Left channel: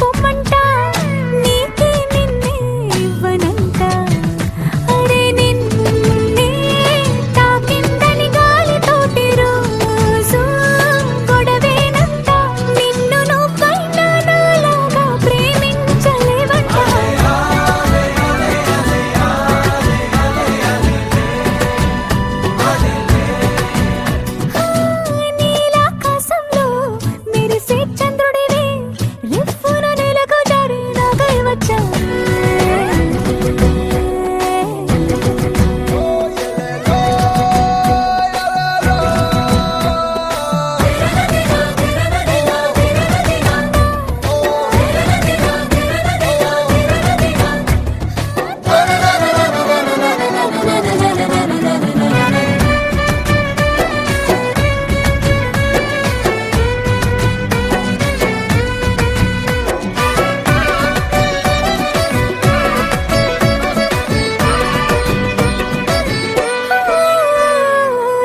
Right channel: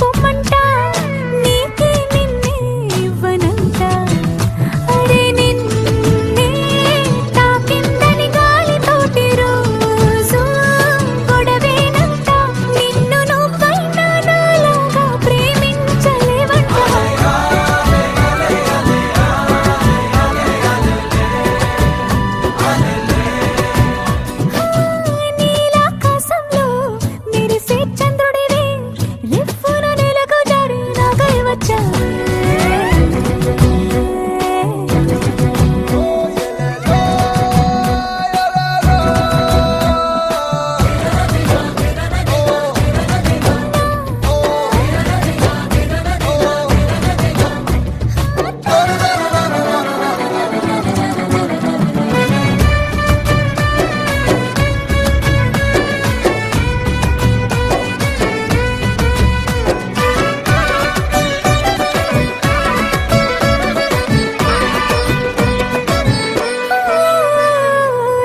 పొమ్మంట నీకే నిన్నే ఇవ్వనంట అరే నిన్నే తాకిందని గాలితోటి రోజు గొడవేనంట నిన్ను నువ్వైనా నాలాగా ప్రేమించలేవంట నీలాకాశంలో మెరిసే చంద్రుడివే రిఫ్ఫున నేలకు జారి నాకై వచ్చావే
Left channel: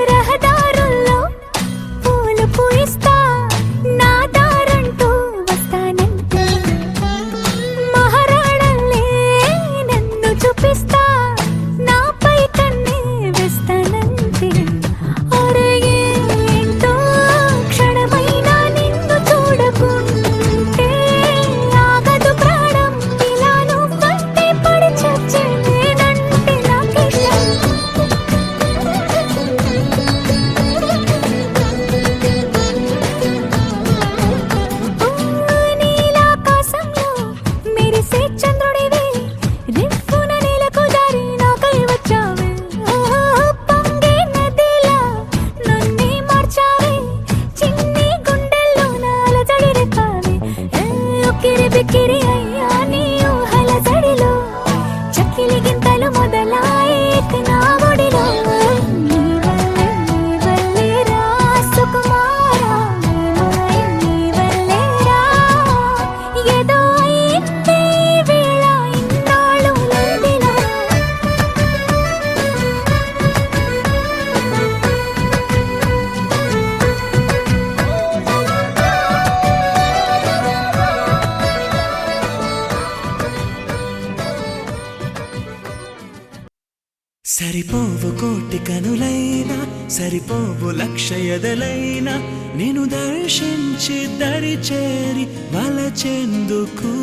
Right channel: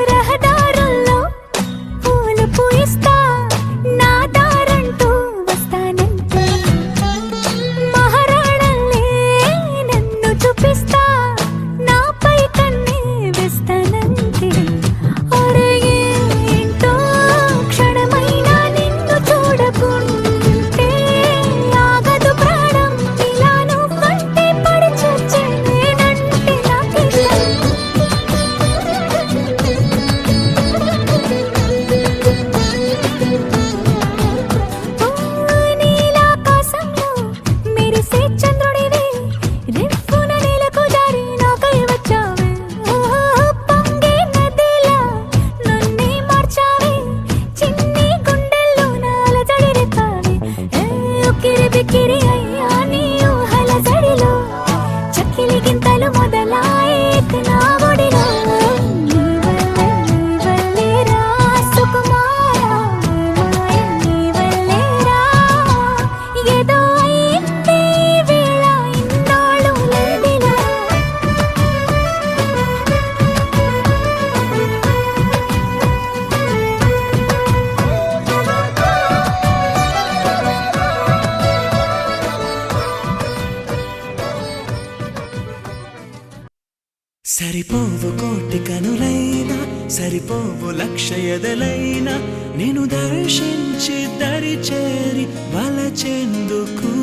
రహదారుల్లో పూలు పూయిస్తా నా దారంటూ వస్తానంటే మహారాణల్లే నన్ను చూపిస్తా నాపై కన్నే వేస్తానంటే అరే ఏంటో క్షణమైనా నిన్ను చూడకుంటే ఆగదు ప్రాణం ఇలా నువ్వంటే పడి చచ్చే నేనంటే నాకిష్టం నీలాకాశంలో మెరిసే చంద్రుడివే రిఫ్ఫున నేలకు జారి నాకై వచ్చావే పొంగే నదిలా నన్నే మార్చావే చిన్ని గుండెల్లో నాలజడి రేపావే ఉక్కిరి బిక్కిరి అయ్యా నీ ఊహల జడిలో చక్కిలి గింతలు మొదలాయే నా ఒడిలో నీ వల్లే రా సుకుమారా నీ మాయ నీ వల్లే రా ఏదో అయిందే ఈ వేళ ఇన్నాళ్ళు లేదిలా సరిపోవు కోటి కనులైనా సరిపోవు లక్ష ఎదలైనా నేను దర్శించి దరి చేరి వలచెందుకు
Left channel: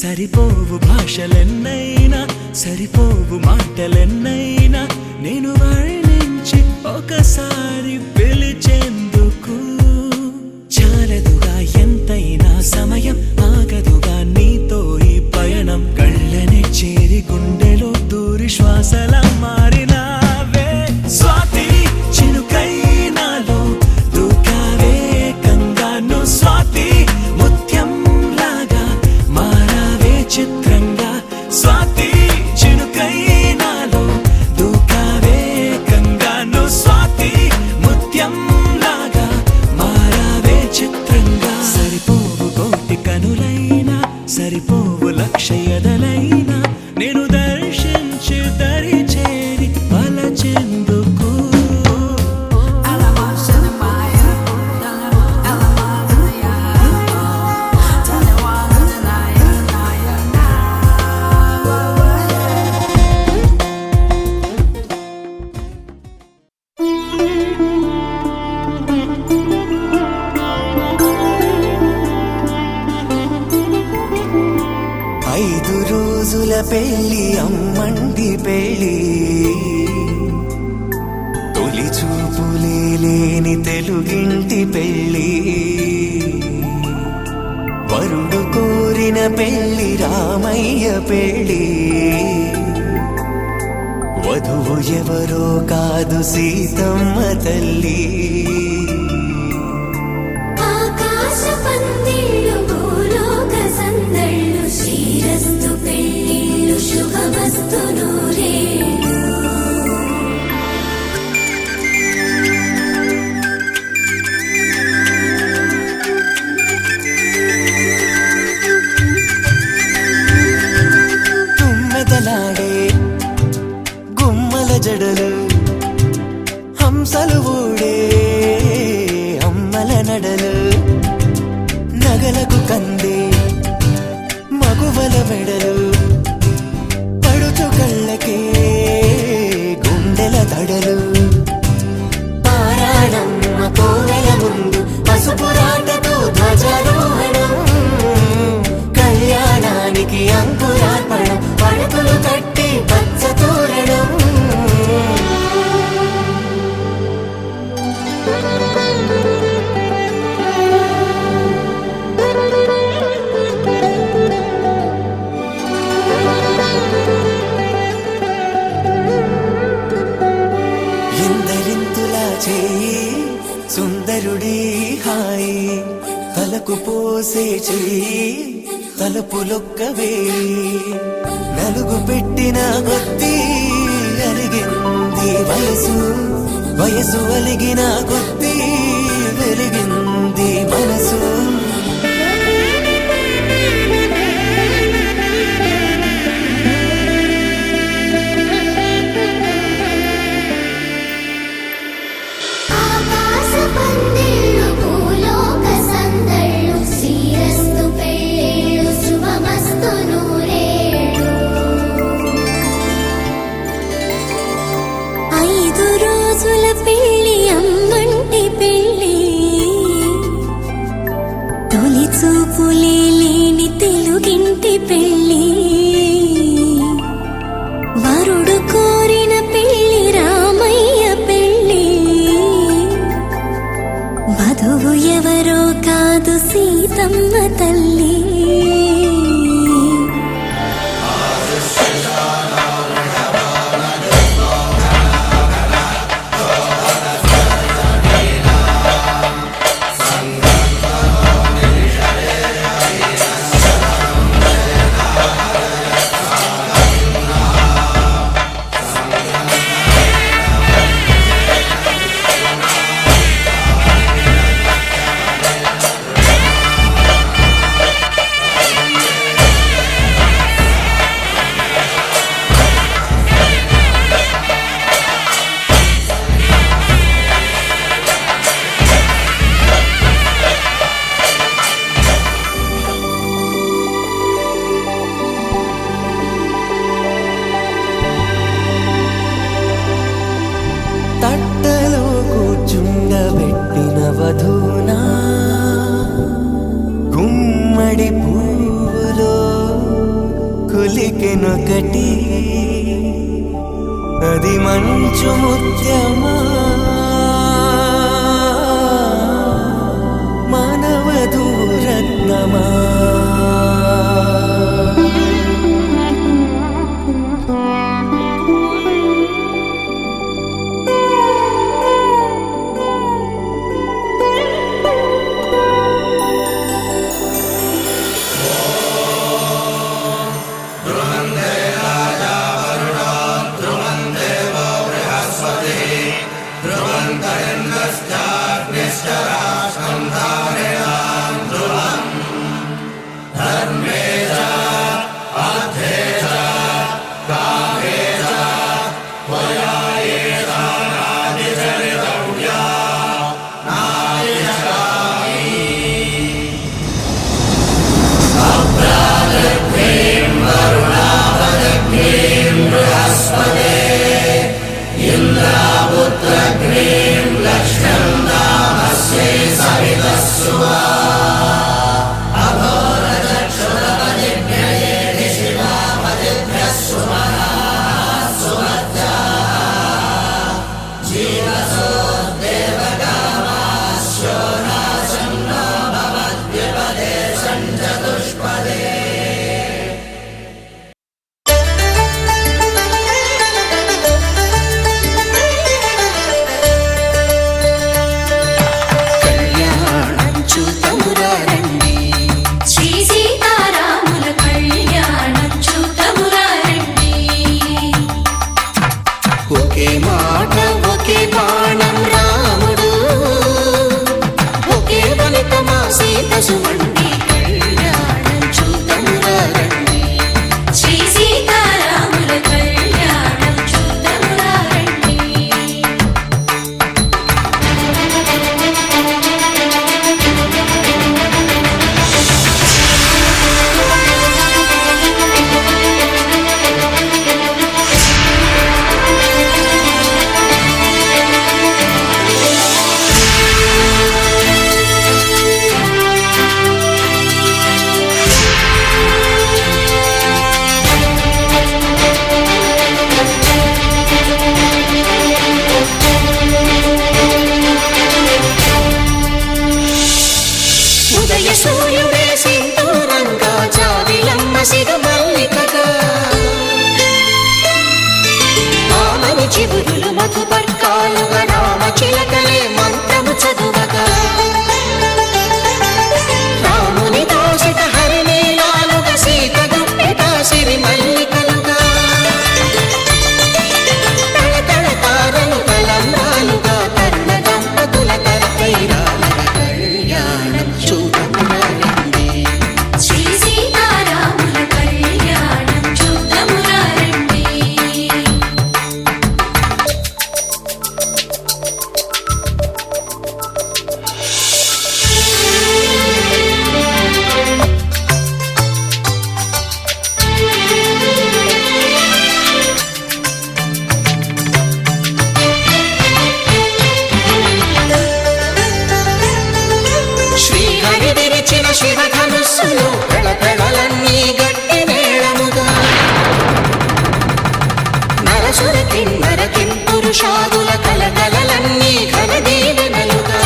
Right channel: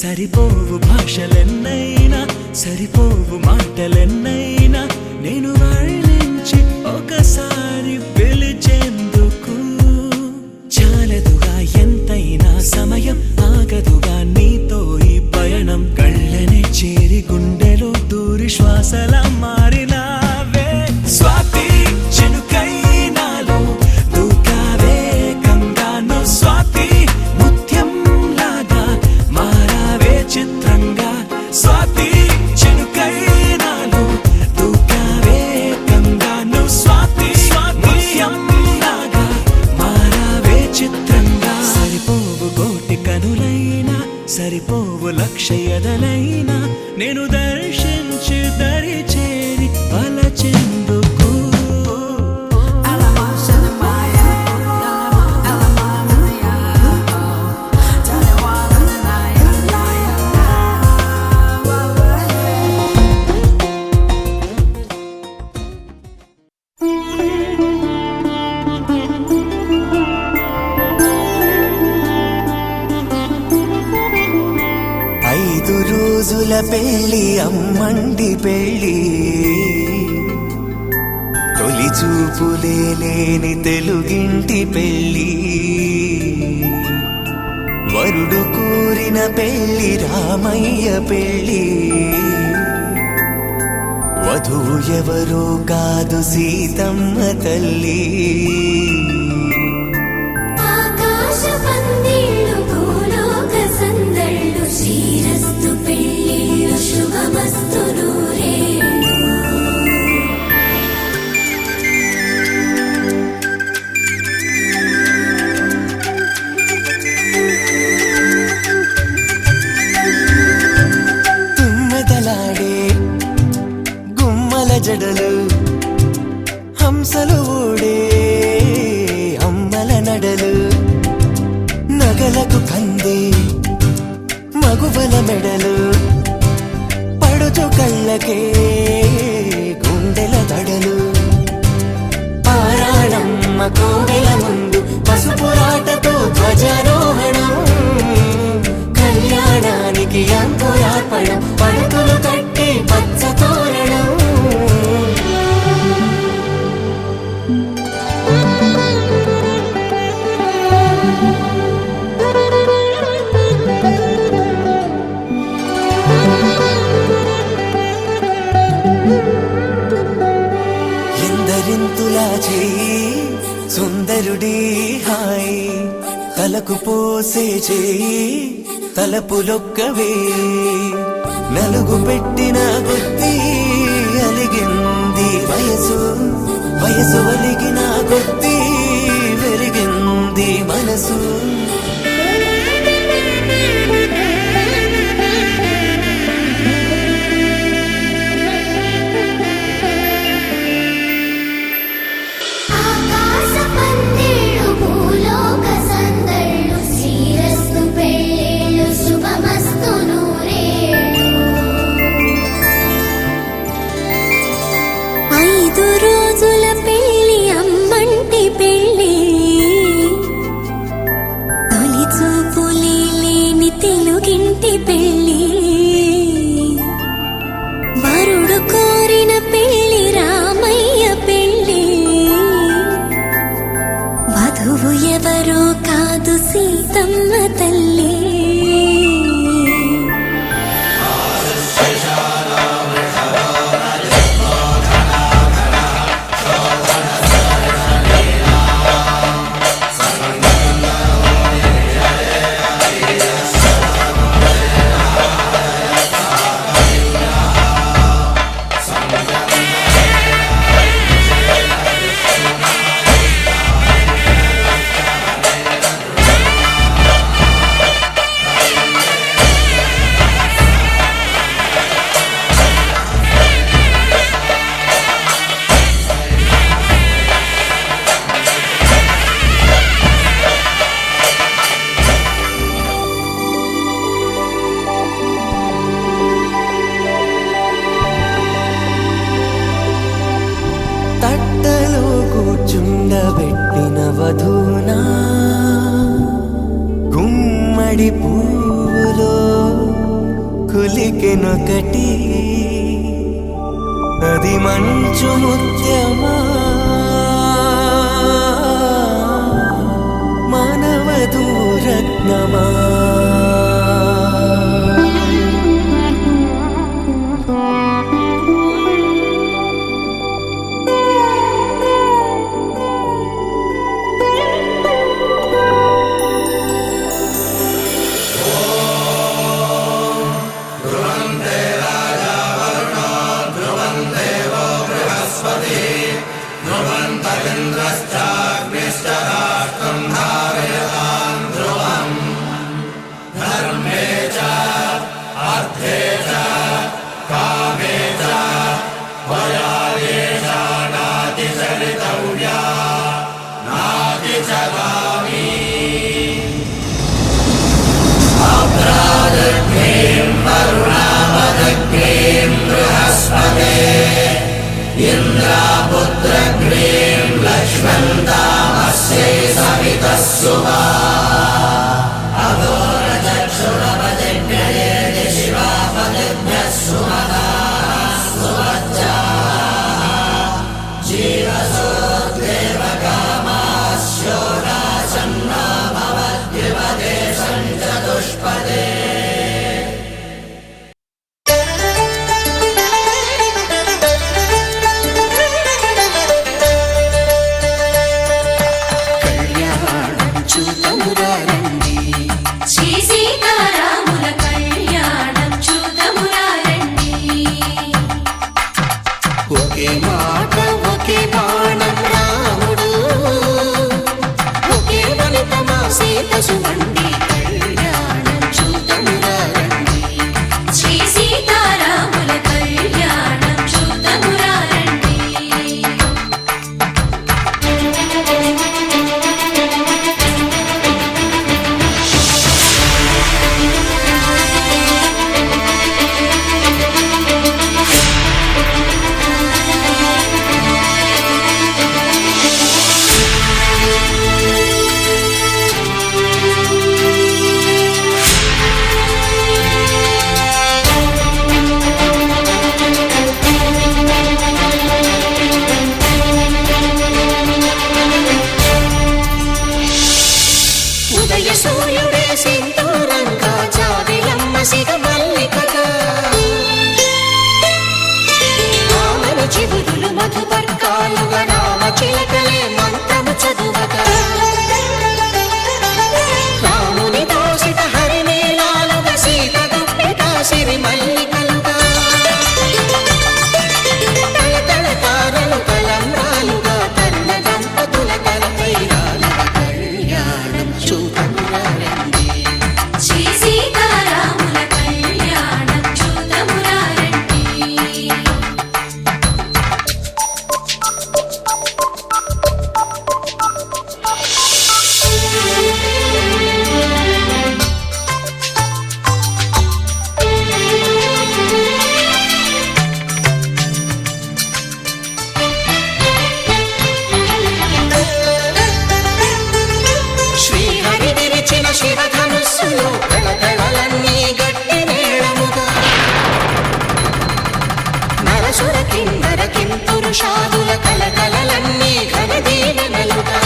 సరిపోవు భాషలెన్నైనా సరిపోవు మాటలెన్నైనా నేను వర్ణించి ఒకసారి పిలిచేందుకు చాలదుగా ఎంతైనా సమయం ఆగదుగా నీతో ఈ పయనం కళ్ళనే చేరి గుండెలో దూరి శ్వాసలా మారినావే స్వాతి చినుకై నాలో దూకావే గంగాను స్వాతి ముత్యం లాగా మారావే చిత్రంగా స్వాతి చినుకై నాలో దూకావే గంగాను స్వాతి ముత్యం లాగా మారావే చిత్రంగా సరిపోవు కోటి కనులైనా సరిపోవు లక్ష ఎదలైనా నేను దర్శించి దరి చేరి వలచెందుకు ఐదు రోజుల పెళ్లి అమ్మండి పెళ్లి తొలి చూపులే లేని తెలుగింటి పెళ్లి వరుడు కోరిన పెళ్లి రామయ్య పెళ్లి వధువు ఎవరో కాదు సీతమ్మ తల్లి ఆకాశ పందిళ్ళు భూలోక సందళ్ళు శ్రీరస్తు పెళ్ళిళ్ళు శుభమస్తు నూరే తుమ్మెదలాడే గుమ్మల జడలు హంసలు ఓడే తలపులొక్కవే నలుగు పెట్టిన కొద్దీ అలిగింది వయసు వయసు అలిగిన కొద్దీ వెలిగింది మనసు ఆకాశ పందిళ్ళు భూలోక సందళ్ళు శ్రీరస్తు పెళ్ళిళ్ళు శుభమస్తు నూరేళ్ళు 5 రోజుల పెళ్ళి అమ్మంటి పెళ్ళి తొలి చూపులే లేని తెలుగింటి పెళ్ళి వరుడు కోరిన పెళ్ళి రామయ్య పెళ్ళి వధువు ఎవరో కాదు సీతమ్మ తల్లి తట్టలో కూర్చుండబెట్టిన వధూనా గుమ్మడి పువ్వులో కులికెనొకటి అది మంచు ముత్యమా మానవధూరత్నమా చూతమురారండి శ్రీ సీతారాముల కళ్యాణం చూతమురారండి ఒకే మాట ఒకే బాణం రాముడు ఒకే వనిత మా సీత సుమండి కళ్యాణం చూతమురారండి శ్రీ సీతారాముల కళ్యాణం చూతమురారండి ఉదయ సూర్యుడే సింధూరంగా జాబిలమ్మ సిగ మల్లికగా ఆమని చివురులు మధుపర్కాలుగా రామ చిలకలే మంత్రము చదువగా రాముని దోసిట హరినే మనసులో పెళపెళలన్నీ గట్టి మేళముగా నరసుర కిన్నర కింపురుషాదుల కలకలలన్నీ ఘన దీవెనలుగా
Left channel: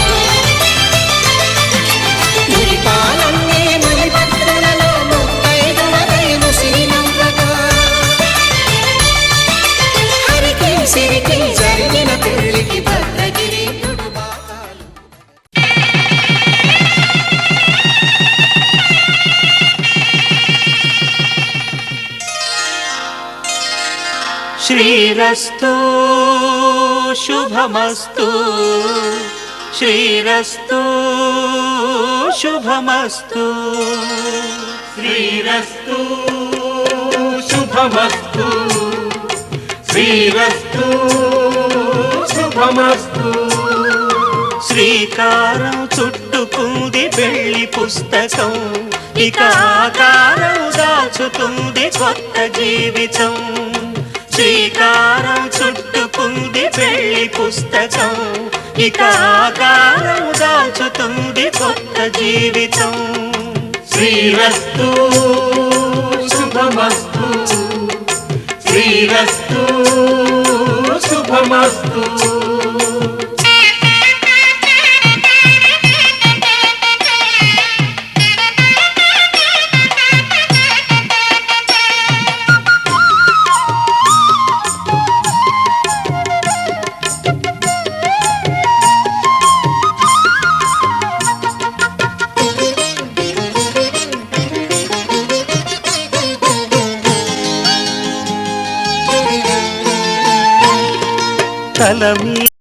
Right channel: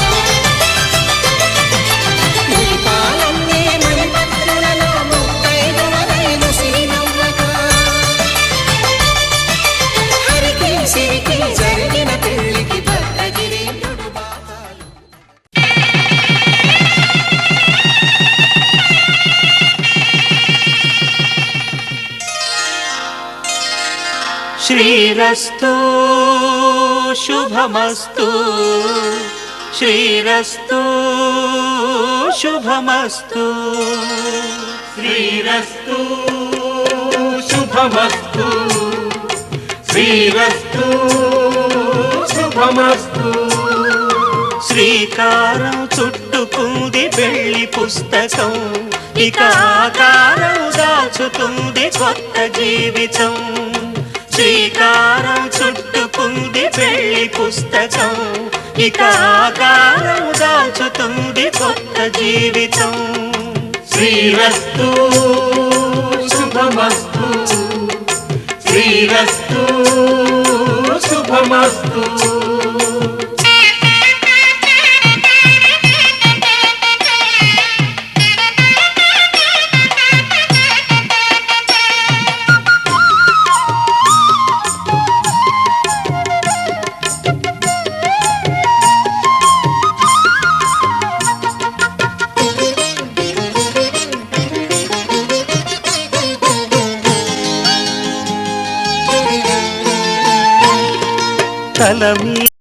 మురిపాలన్నీ మణిపత్రులలో ముత్తైదువరై ముసిరి నవ్వగా హరికి సిరికి జరిగిన పెళ్లికి భద్రగిరీంద్రుడు బాకాలు శ్రీరస్తు శుభమస్తు శ్రీరస్తు శుభమస్తు శ్రీరస్తు శుభమస్తు శ్రీరస్తు శుభమస్తు శ్రీకారం చుట్టుకుంది పెళ్లి పుస్తకం ఇక ఆకారం దాచుతుంది కొత్త జీవితం శ్రీకారం చుట్టుకుంది పెళ్లి పుస్తకం ఇక ఆకారం దాచుతుంది కొత్త జీవితం శ్రీరస్తు శుభమస్తు శ్రీరస్తు శుభమస్తు తల